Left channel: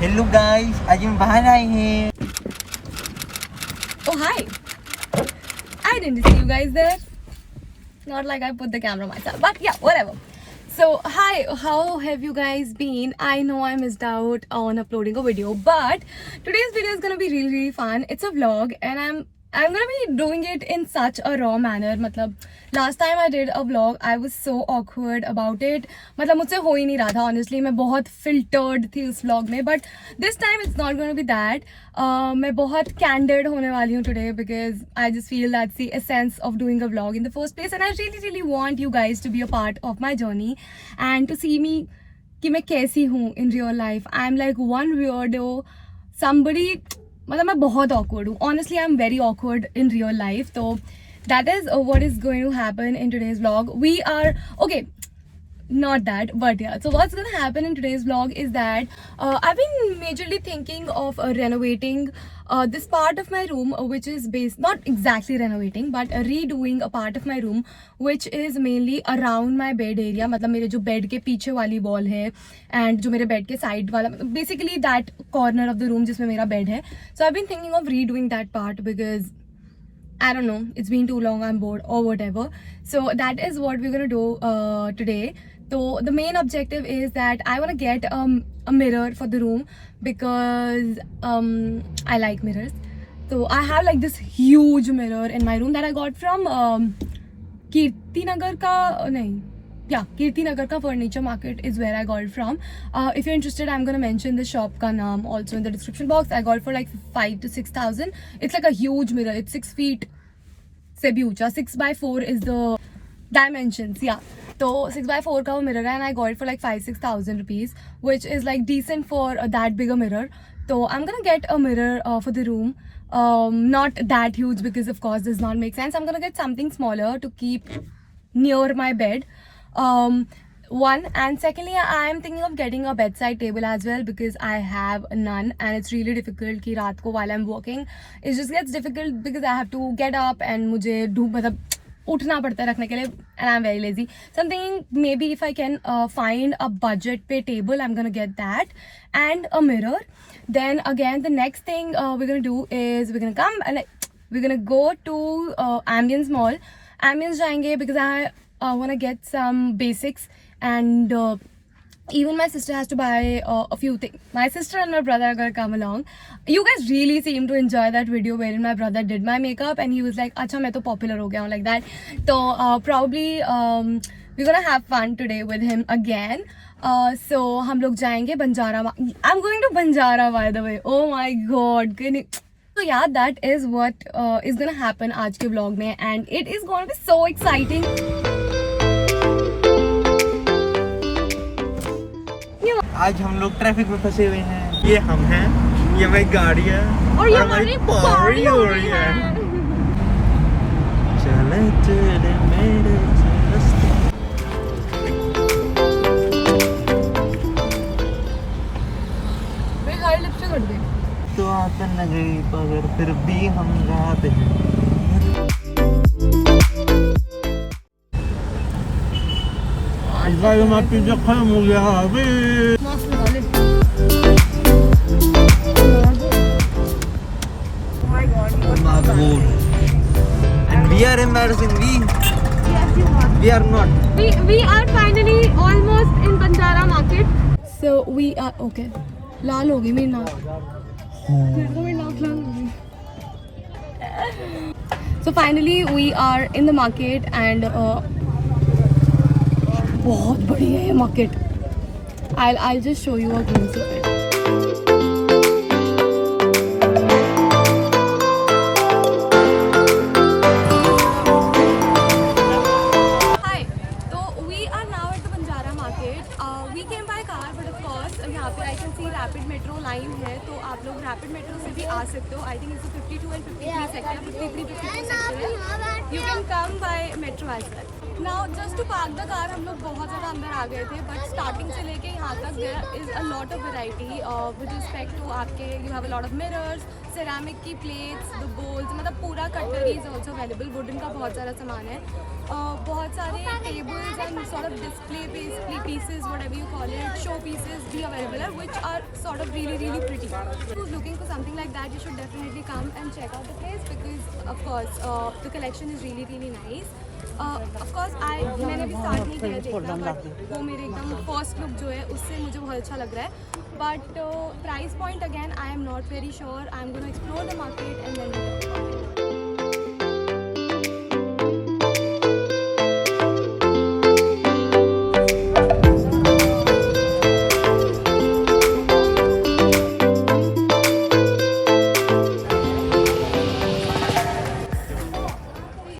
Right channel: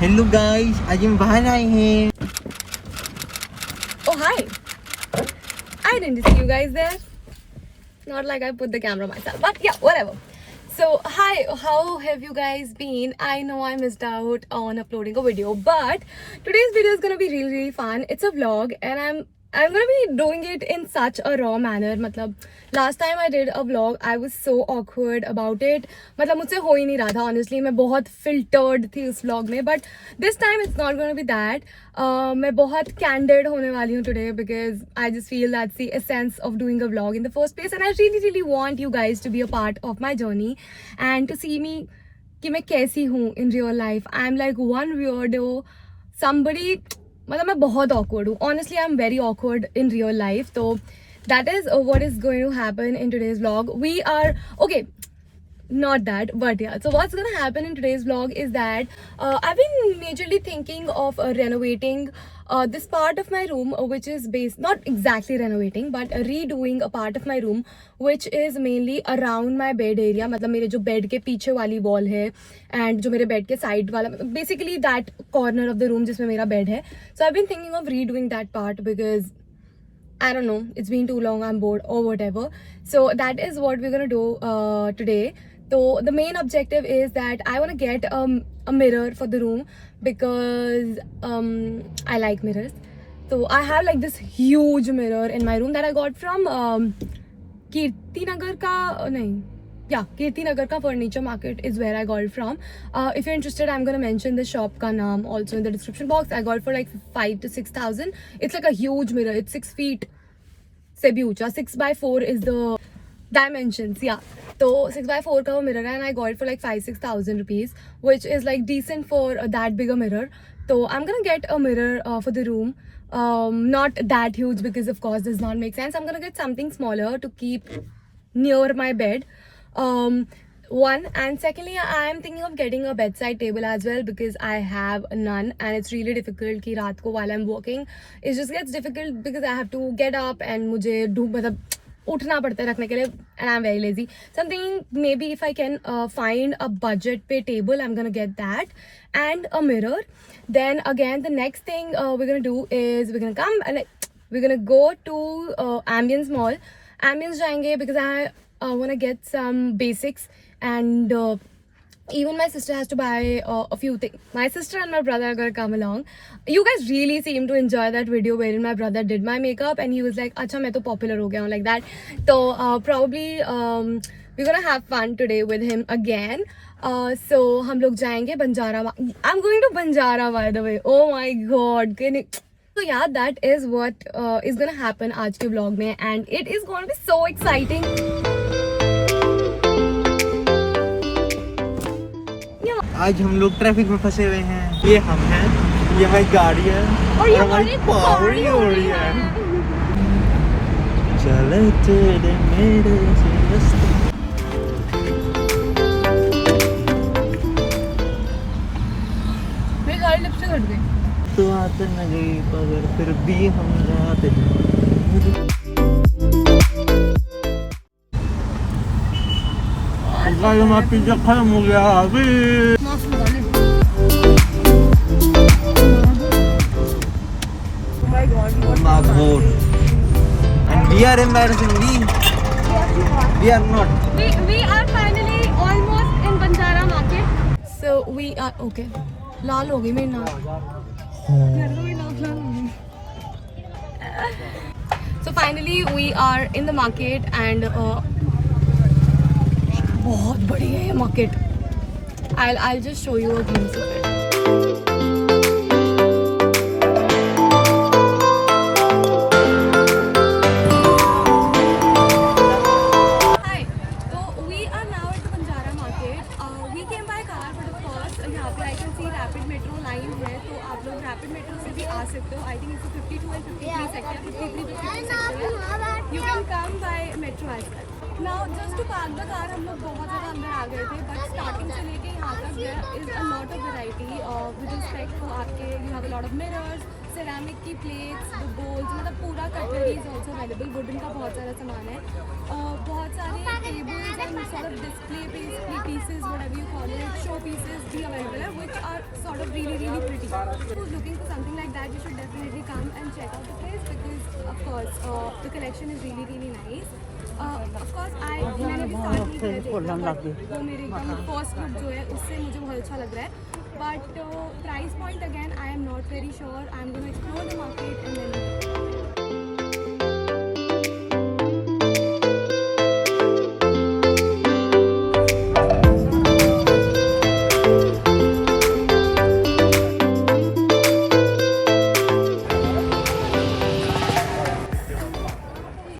Hello guys, आज हम बाहर आए हैं. Oh hi! I didn't see you guys there. Not like I put the camera myself, but yeah, whatever. So hi, how have you guys been? I know I missed out on uploading a video, but today's video is gonna be really fun. It's a vlog, and I'm gonna be doing it in such a raw manner. मतलब last time I did a vlog, I was so awkward about it. मतलब मुझसे हो ही नहीं रहा था honestly. मैं बहुत filtered थी उस vlog में, but this time it's not gonna be that. मैं बहुत candid होने वाली हूँ today because I just feel that's the essence of doing a vlog in the first place, and I really want you guys to be a part of my journey and to see me कि मैं कैसी हूँ in real life. I'm like one weirdo, somebody. मतलब मैं बहुत awkward हूँ. Honestly, I'm very awkward in real life. So that is what is going to happen in today's vlog. We are okay. Not that, but yeah. So what's gonna happen in today's vlog is that I've been majorly thinking of renovating this part of my room, which is based, not exactly renovating, but redoing a part of my room, which is mainly around my bed area. मतलब मेरे जो bed के पीछे वाली wall है, and जो मेरे bed के side वाला, basically that corner of the room जिसमें मेरा bed है. So I've been thinking of redoing that part because I don't know, it's been too long, I'm bored or whatever. So that is what we're gonna do today. So the main objective is that I want to get a mirror for the room because I like mirrors. So I have like this huge mirror in my room that I got from Kirti Nagar ka Kirti Nagar ka furniture market is where I got it from. If you're interested, I'm gonna mention the shop ka naam also in the description box. I got it for like 5,000 to 6,000. It's like a huge mirror. It's 6 feet se bhi ucha. 6x4 is the dimensions. Yeah. So 6x4 का वो mirror है, and I got it for like 5,000-6,000 rupees, which is like decent for that big a mirror. So I'm gonna get a mirror for the room. Not that huge because of course does not make sense. I'm gonna get something smaller to keep near my bed. One, and secondly, I am thinking of getting a bedside table as well because I have none, and it's really difficult कि रात को while I'm working, it just gets difficult because I have to get up and मुझे मतलब उठना पड़ता है रखने के लिए, and I'm very lazy. Something maybe if I can find a budget pay table, I'm gonna get that and a mirror. Then again, the next thing we're gonna do is we're gonna come and we're gonna go to Ambience Mall. Ambience जाएंगे because I wanna get some basics, and even my sister has to buy a few things. My sister and my brother are gonna come along. You guys really seem to enjoy that video wherein my brother did my makeup and he was like, "Acha, मैं तो popular हो गया हूँ," like that. So probably we're gonna have fun today with him again. So हम लोग जाएंगे Banjara. I'm going to Banjara, by the way. Oh my god. So yeah, that is what is gonna happen आज के vlog में, and it is gonna be so exciting. आज हम लोग traffic में फंसे हुए हैं. ये हम हैं, ये हमारी गाड़ियाँ और ये हमारी पारी हो रही है. चले चले मेरे रास्ते. मेरी गाड़ी लिफ्ट से कर दी. तो आकर न गई मगर फिर भी हम रात हैं. गाड़ी में पिज्जा खत्म हो गया अभी. मास्क लगा ले. Oh my god. And we are embarrassing me. We are not. We are finally almost in Banjara market. So we are okay. लाल हो गई मेरी नाक. मेरी नाक लाल हो गई. So finally we are in the market, and बहुत बड़ी है ये market. I'll just show you a glimpse of it. Hi, so we are now at the Banjara market. We came by car, but of course यहाँ पे I can see rapid metro line है, तो आप लोग rapid metro से भी आ सकते हो. I think it's 52 and 53 sector, 53 section है. You can come by metro as well. Now just to park the car हम लोग बहुत ज़्यादा अंदर आ गए थे, but starting से लेके यहाँ तक there is a lot of variety with respect to आपके, you have a lot of mirrors, ceramic की plates, the bowls, मतलब पूरा cutlery is also available. wooden का बहुत सारा सामान है. बहुत सारे tables and sort of display pieces, whatever you call it, show pieces be available are, which are sort of really pretty. Who's looking for something like that, you should definitely come and check out the place because of course the collection is really nice. Of course मैंने अभी start नहीं किया देखना, but वो मेरे एकदम first look जो है उससे मुझे बहुत अच्छा लग रहा है. But price point again, I am not very sure. I am going to explore the market and then.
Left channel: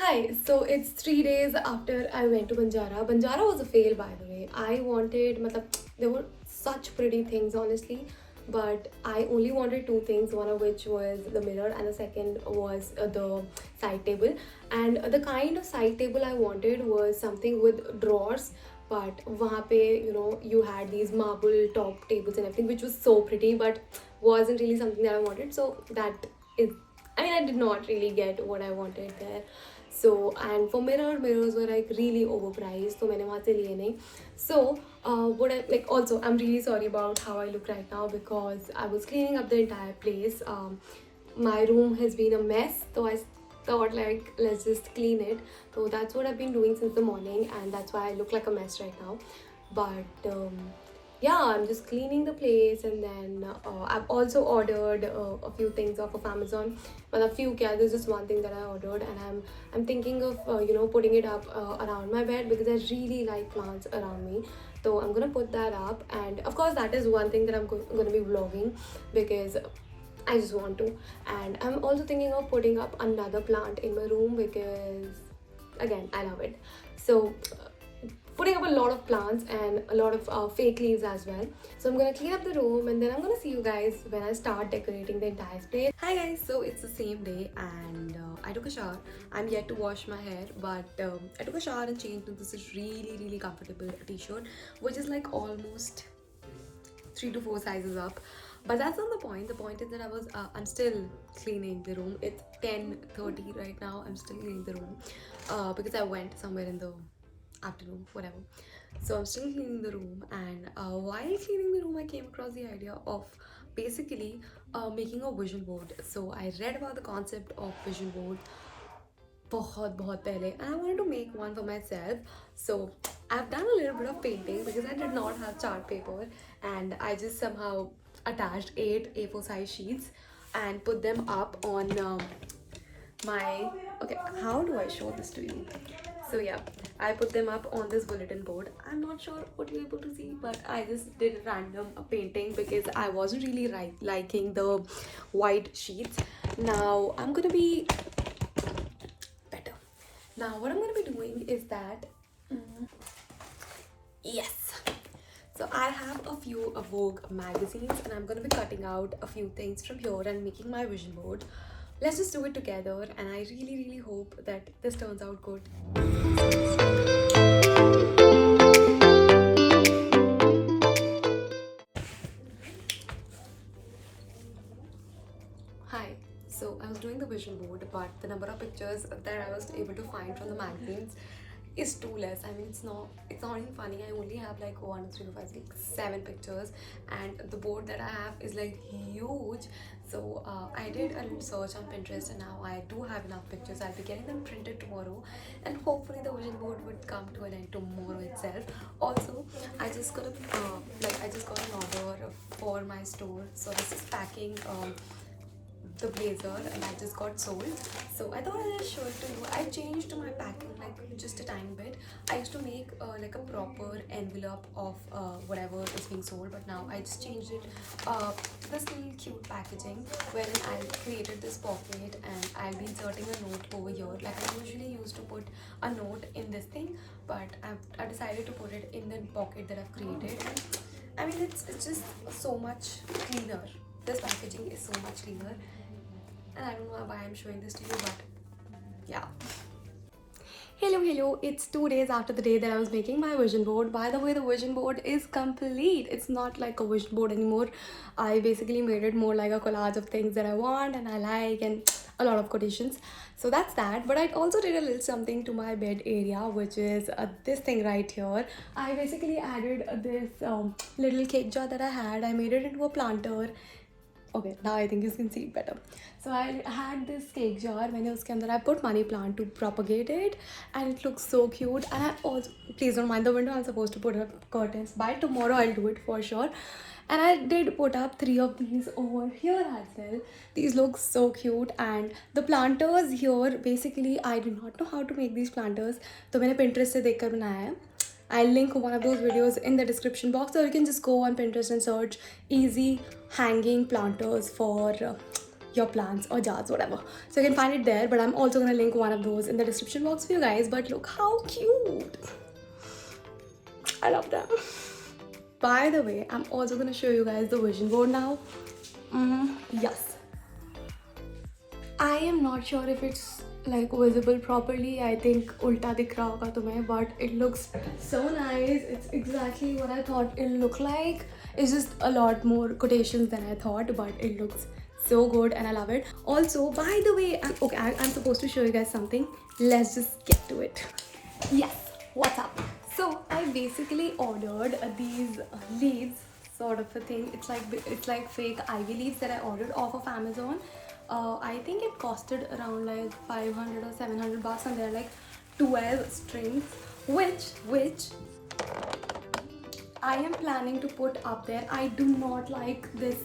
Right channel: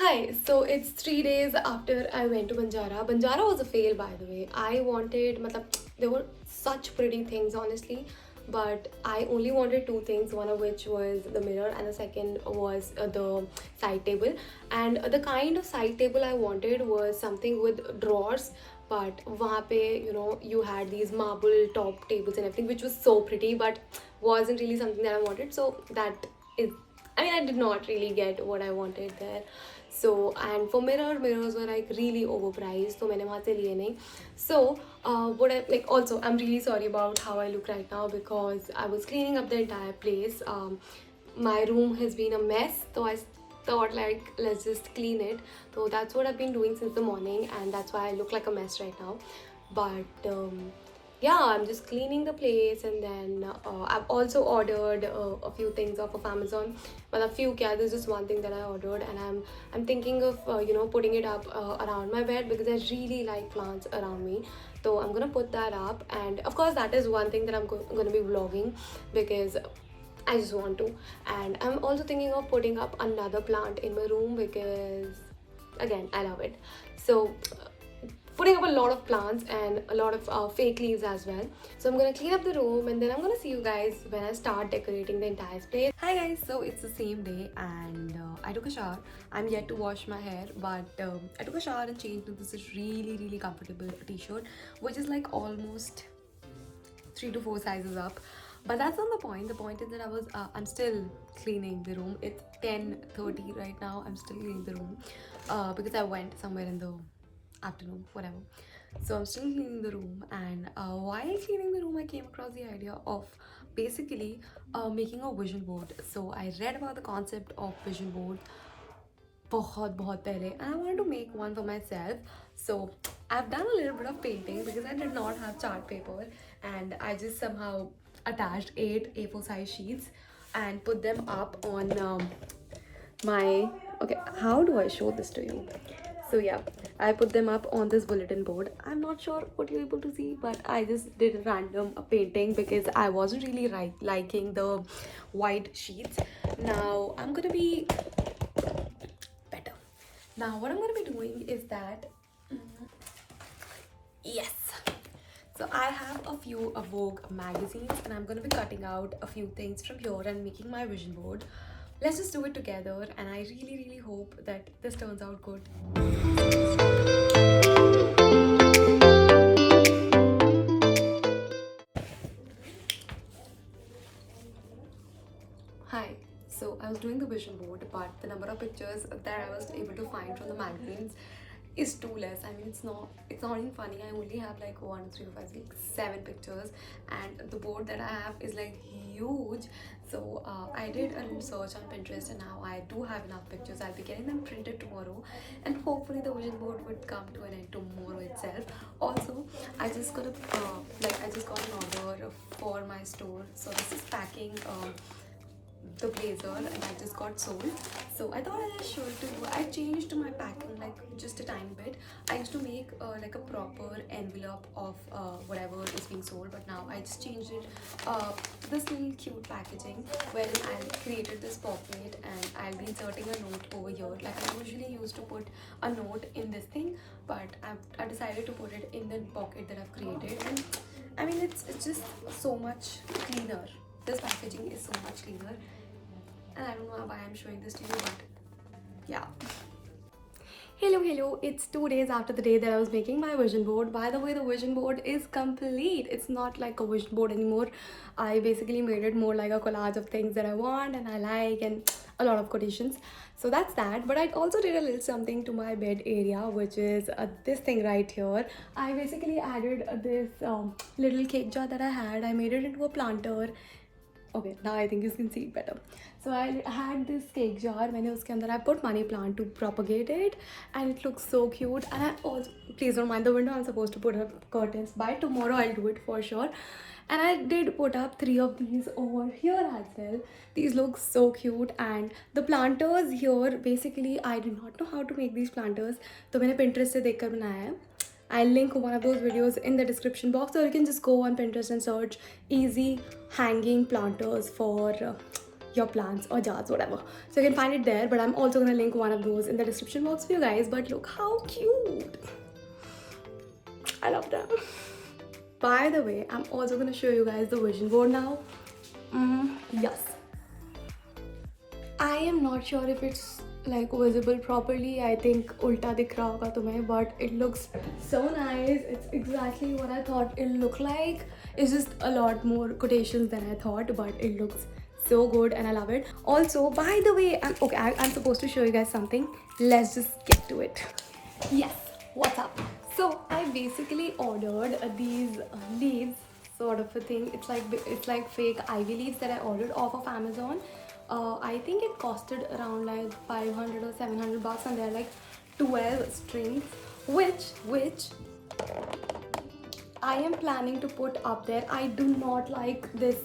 Hi, so it's 3 days after I went to Banjara. Banjara was a fail, by the way. I wanted, matlab, there were such pretty things, honestly, but I only wanted two things, one of which was the mirror, and the second was the side table. And the kind of side table I wanted was something with drawers. But वहाँ पे, you know, you had these marble top tables and everything, which was so pretty, but wasn't really something that I wanted. So that is, I mean, I did not really get what I wanted there. So, and for mirrors were like really overpriced, so मैंने वहाँ से लिए नहीं. So what I like, also I'm really sorry about how I look right now because I was cleaning up the entire place. My room has been a mess, so I thought like let's just clean it. So that's what I've been doing since the morning, and that's why I look like a mess right now. But yeah, I'm just cleaning the place, and then I've also ordered a few things off of Amazon. Well, a few, yeah, there's just one thing that I ordered, and I'm thinking of you know, putting it up around my bed because I really like plants around me. So I'm gonna put that up, and of course that is one thing that I'm gonna be vlogging because I just want to. And I'm also thinking of putting up another plant in my room because again, I love it. So putting up a lot of plants and a lot of fake leaves as well. So I'm gonna clean up the room and then I'm gonna see you guys when I start decorating the entire space. Hi guys, so it's the same day and I took a shower. I'm yet to wash my hair, but I took a shower and changed into this really comfortable t-shirt, which is like almost 3 to 4 sizes up. But that's not the point. The point is that I'm still cleaning the room. It's 10:30 right now. I'm still cleaning the room because I went somewhere in the afternoon, whatever. So I'm still cleaning the room, and while cleaning the room I came across the idea of basically making a vision board. So I read about the concept of vision board बहुत पहले, and I wanted to make one for myself. So I've done a little bit of painting because I did not have chart paper, and I just somehow attached 8 A4 size sheets and put them up on my, okay, how do I show this to you? So yeah, I put them up on this bulletin board. I'm not sure what you're able to see, but I just did a random painting because I wasn't really liking the white sheets. Now I'm gonna be better. Now what I'm gonna be doing is that yes, so I have a few Vogue magazines and I'm gonna be cutting out a few things from here and making my vision board. Let's just do it together, and I really hope that this turns out good. Hi, so I was doing the vision board, but the number of pictures that I was able to find from the magazines is too less. I mean, it's not even funny. I only have like 1, 2, 3, 4, 5, 6, 7 pictures, and the board that I have is like huge. So I did a search on Pinterest, and now I do have enough pictures. I'll be getting them printed tomorrow, and hopefully the vision board would come to an end tomorrow itself. Also, I just got an order for my store. So this is packing the blazer, and I just got sold. So I thought I'll just show it to you. I changed my packing like just a tiny bit. I used to make like a proper envelope of whatever is being sold, but now I just changed it this little cute packaging wherein I created this pocket, and I'll be inserting a note over here. Like I usually used to put a note in this thing, but I decided to put it in the pocket that I've created. And I mean, it's just so much cleaner. This packaging is so much cleaner, and I don't know why I'm showing this to you, but yeah. Hello, it's 2 days after the day that I was making my vision board. By the way, the vision board is complete. It's not like a vision board anymore. I basically made it more like a collage of things that I want and I like, and a lot of quotations. So that's that. But I also did a little something to my bed area, which is this thing right here. I basically added this little cake jar that I had. I made it into a planter. Okay, now I think you can see it better. So I had this cake jar. मैंने उसके अंदर I put money plant to propagate it, and it looks so cute. And I also, please don't mind the window, I'm supposed to put up curtains. By tomorrow I'll do it for sure. And I did put up 3 of these over here as well. These look so cute. And the planters here, basically I do not know how to make these planters, तो मैंने Pinterest से देखकर बनाया है. I'll link one of those videos in the description box, or you can just go on Pinterest and search easy hanging planters for your plants or jars, whatever. So you can find it there, but I'm also gonna link one of those in the description box for you guys. But look how cute! I love them. By the way, I'm also gonna show you guys the vision board now. Yes. I am not sure if it's like visible properly. I think ulta dikh raha hoga tumhe, but it looks so nice. It's exactly what I thought it'll look like. It's just a lot more quotations than I thought, but it looks so good and I love it. Also, by the way, I'm supposed to show you guys something. Let's just get to it. Yes, what's up? So I basically ordered these leaves, sort of a thing. It's like fake ivy leaves that I ordered off of Amazon. I think it costed around like 500 or 700 bucks, and they're like 12 strings, which I am planning to put up there. I do not like this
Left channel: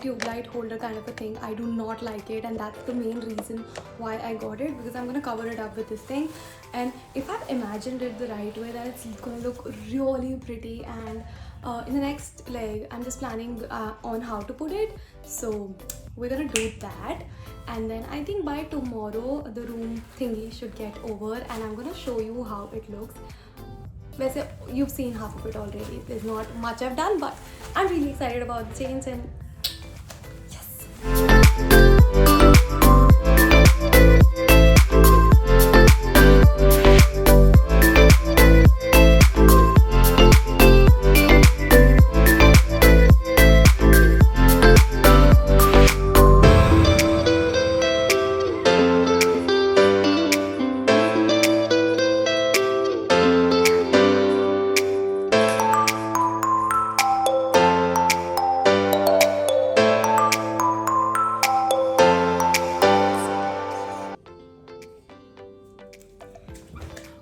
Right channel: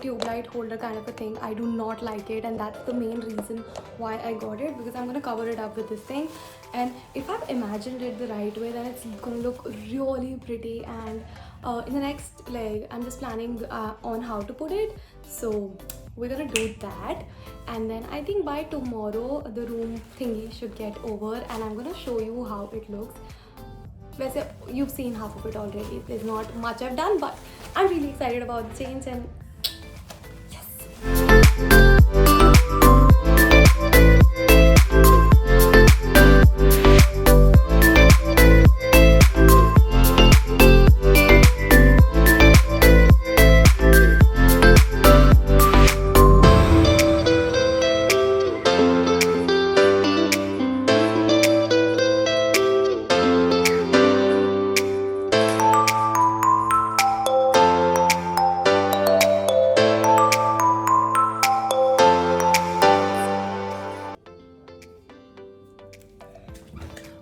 tube light holder kind of a thing. I do not like it, and that's the main reason why I got it, because I'm gonna cover it up with this thing. And if I've imagined it the right way, then it's gonna look really pretty. And in the next leg, I'm just planning on how to put it. So we're gonna do that, and then I think by tomorrow the room thingy should get over, and I'm gonna show you how it looks. Basically, you've seen half of it already. There's not much I've done, but I'm really excited about the change, and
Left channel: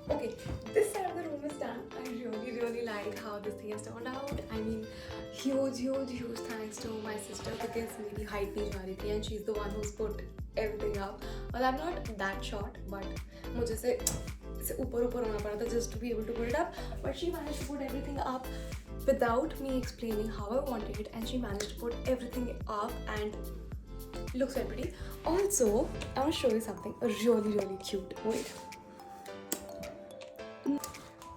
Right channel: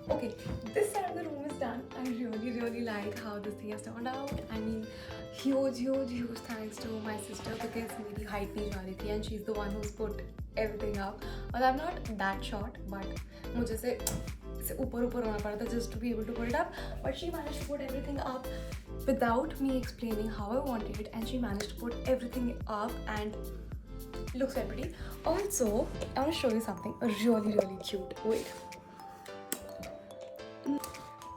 okay, this side of the room is done. I really like how this thing has turned out. I mean, huge thanks to my sister, because मेरी height नहीं जा रही थी, and she's the one who's put everything up. Well, I'm not that short, but मुझे से ऊपर होना पड़ा था just to be able to put it up. But she managed to put everything up without me explaining how I wanted it, and she managed to put everything up, and it looks very pretty. Also, I want to show you something really cute. Wait.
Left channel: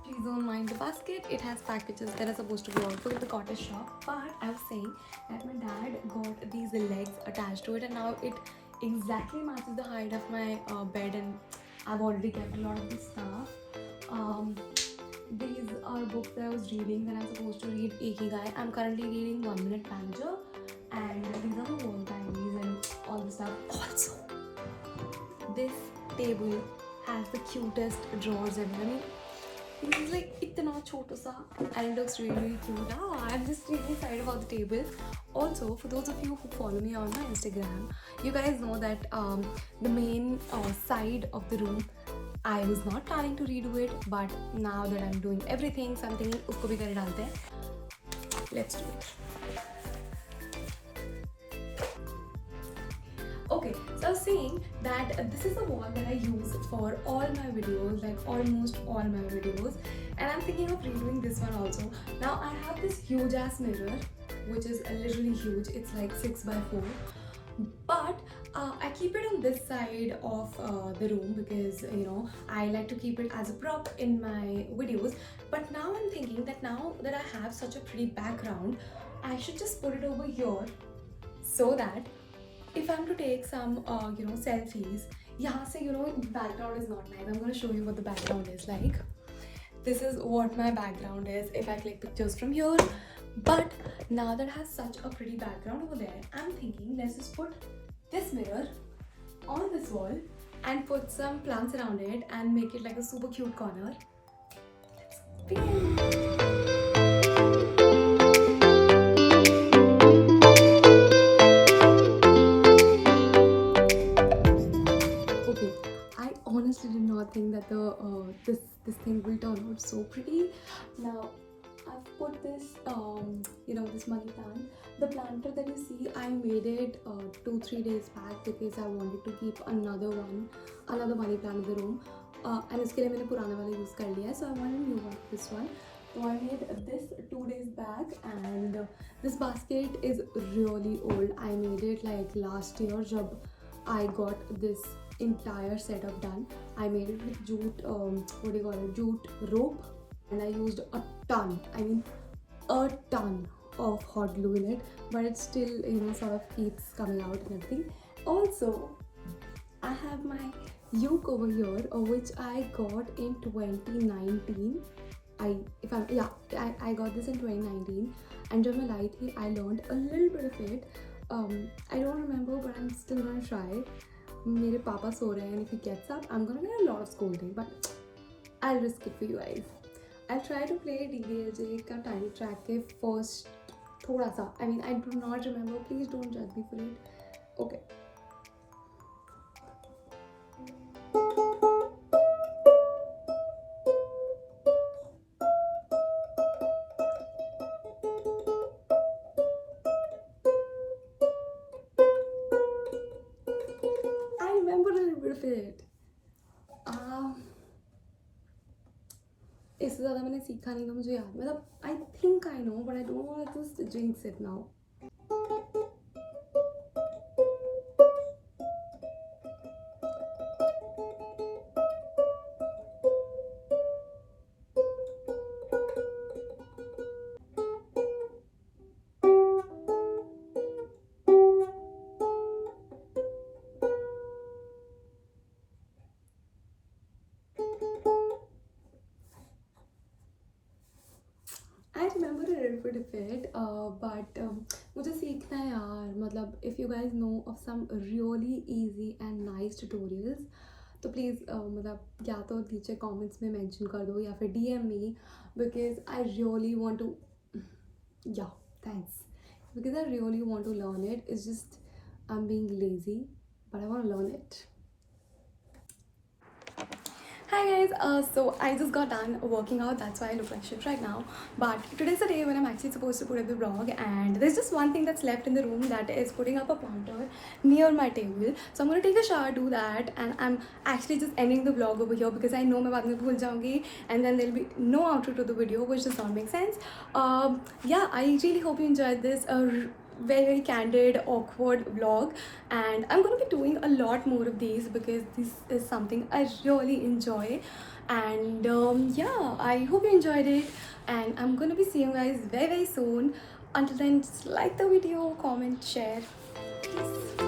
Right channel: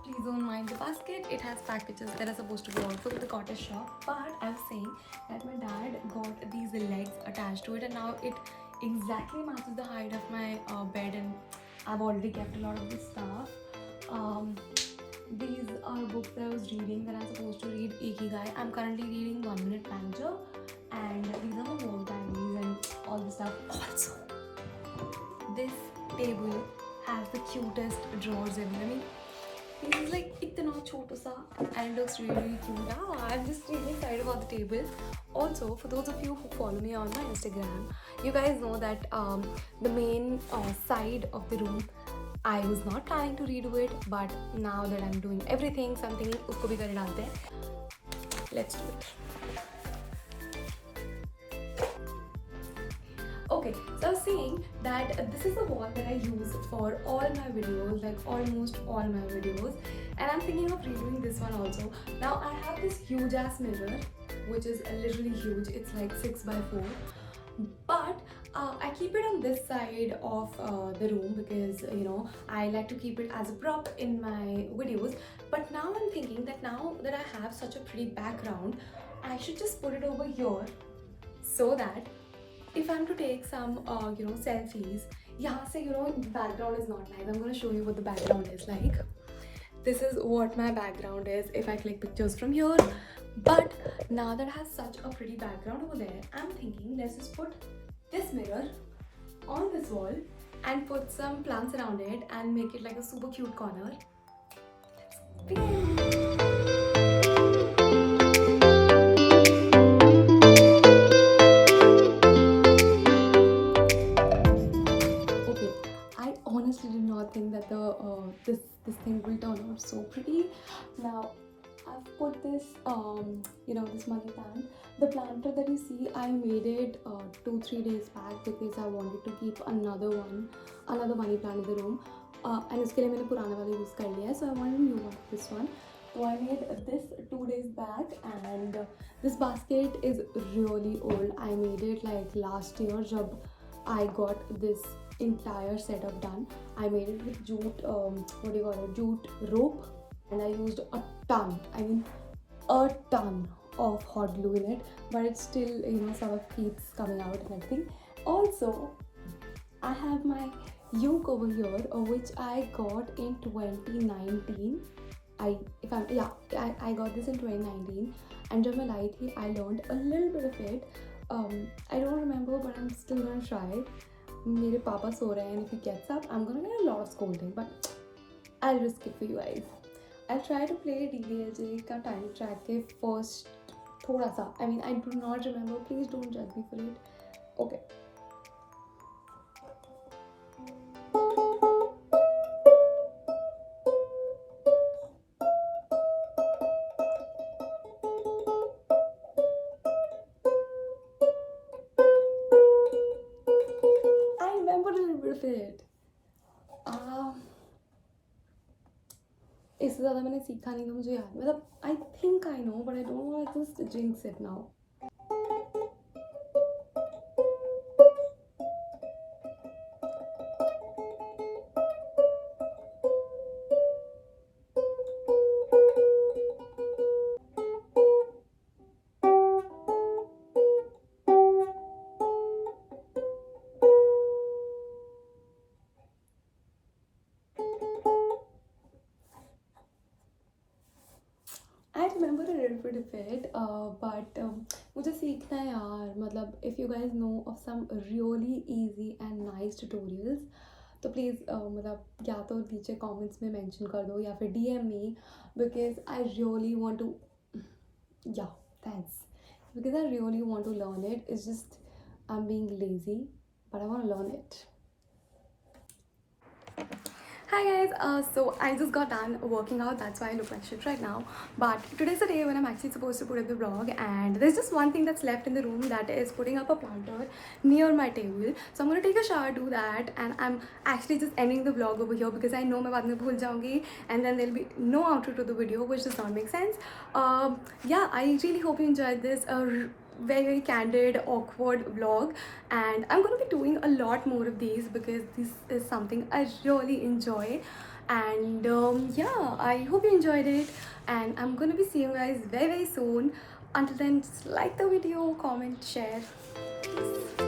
Please don't mind the basket. It has packages that are supposed to go out for the cottage shop. But I was saying that my dad got these legs attached to it, and now it exactly matches the height of my bed, and I've already kept a lot of this stuff. These are books that I was reading that I'm supposed to read Ikigai. I'm currently reading 1 Minute Manager, and these are my work diaries and all this stuff. Also, this table has the cutest drawers ever. I mean, it's like itna chota sa, and it looks really cute. I'm just really excited about the table. Also, for those of you who follow me on my Instagram, you guys know that the main side of the room, I was not planning to redo it, but now that I'm doing everything, so I'm thinking usko bhi kar dalte hain. Let's do it. Okay, so I was saying that this is the wall that I use for all my videos, like almost all my videos, and I'm thinking of redoing this one also. Now I have this huge ass mirror, which is literally huge. It's like 6x4, but I keep it on this side of the room because I like to keep it as a prop in my videos. But now I'm thinking that now that I have such a pretty background, I should just put it over here, so that if I'm to take some selfies, yahan se the background is not nice. I'm going to show you what the background is like. This is what my background is if I click pictures from here. But now that I have such a pretty background over there, I'm thinking let's just put this mirror on this wall and put some plants around it and make it like a super cute corner. Let's begin. Okay, I honestly did not think that this thing will turn out so pretty. Now I've put this this money plant. The planter that you see, I made it 2-3 days back because I wanted to keep another money plant in the room. And इसके लिए मैंने पुराना वाला use कर लिया है, so I want a new one, this one. So I made this 2 days back, and this basket is really old. I made it like last year जब I got this entire setup done. I made it with jute rope, and I used a ton of hot glue in it, but it still sort of keeps coming out and everything. Also, I have my yoke over here, which I got in 2019. I got this in 2019, and जब मैं लाई थी, I learned a little bit of it. I don't remember, but I'm still gonna try. मेरे पापा सो रहे हैं, and if he gets up, I'm gonna get a lot of scolding, but I'll risk it for you guys. I'll try to play DDLJ का tiny track के first थोड़ा सा. I mean, I do not remember. Please don't judge me for it. Okay. I remember a little bit of it. इससे ज़्यादा मैंने सीखा नहीं था, मुझे याद, मतलब I think I know, but I don't want to just jinx it now. I remember a little bit of it, but मुझे सीखना है यार. मतलब if you guys know of some really easy and nice tutorials, तो please मतलब या तो नीचे comments में mention कर दो या फिर DM me, because I really want to. Yeah, thanks. Because I really want to learn it. It's just I'm being lazy, but I want to learn it. Hi guys, so I just got done working out, that's why I look like shit right now. But today's the day when I'm actually supposed to put up the vlog, and there's just one thing that's left in the room, that is putting up a planter near my table. So I'm gonna take a shower, do that, and I'm actually just ending the vlog over here because I know मैं बाद में भूल जाऊँगी, and then there'll be no outro to the video, which does not make sense. Yeah, I really hope you enjoyed this very candid, awkward vlog, and I'm gonna be doing a lot more of these because this is something I really enjoy. And yeah, I hope you enjoyed it, and I'm gonna be seeing you guys very soon. Until then, just like the video, comment, share. Peace.